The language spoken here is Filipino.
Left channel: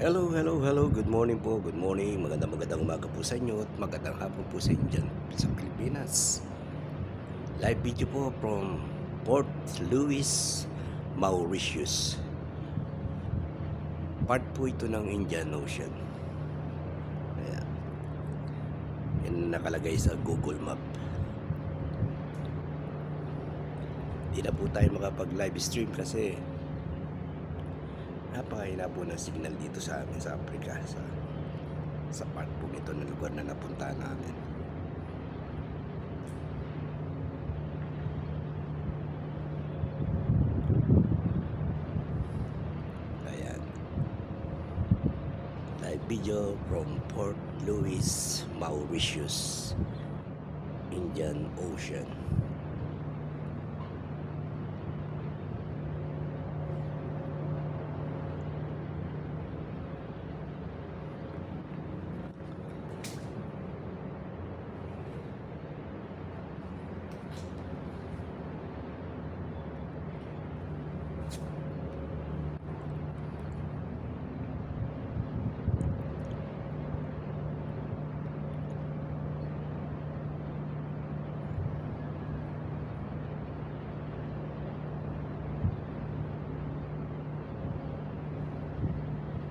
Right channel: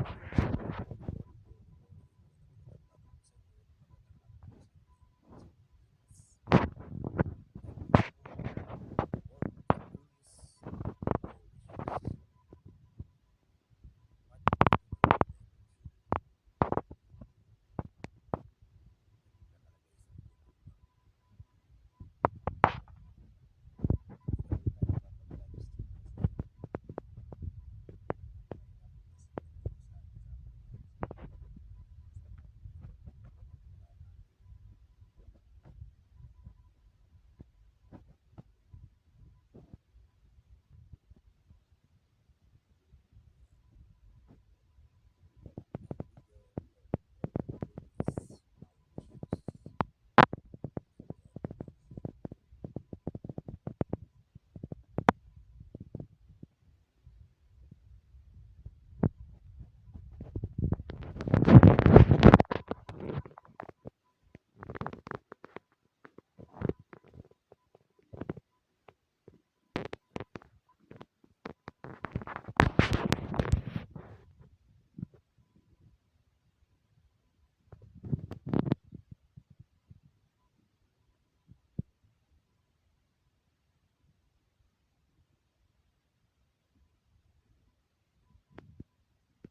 Hello, hello, hello. Good morning po. Good morning. Magandang umaga po sa inyo at magandang hapon po sa inyo dyan sa Pilipinas. Live video po from Port Louis, Mauritius. Part po ito ng Indian Ocean. Ayan. Yan nakalagay sa Google Map. Di na po tayo makapag live stream kasi napakahina po ng signal dito sa amin sa Africa, sa part po ito ng lugar na napuntahan namin. Ayan, live video from Port Louis, Mauritius, Indian Ocean.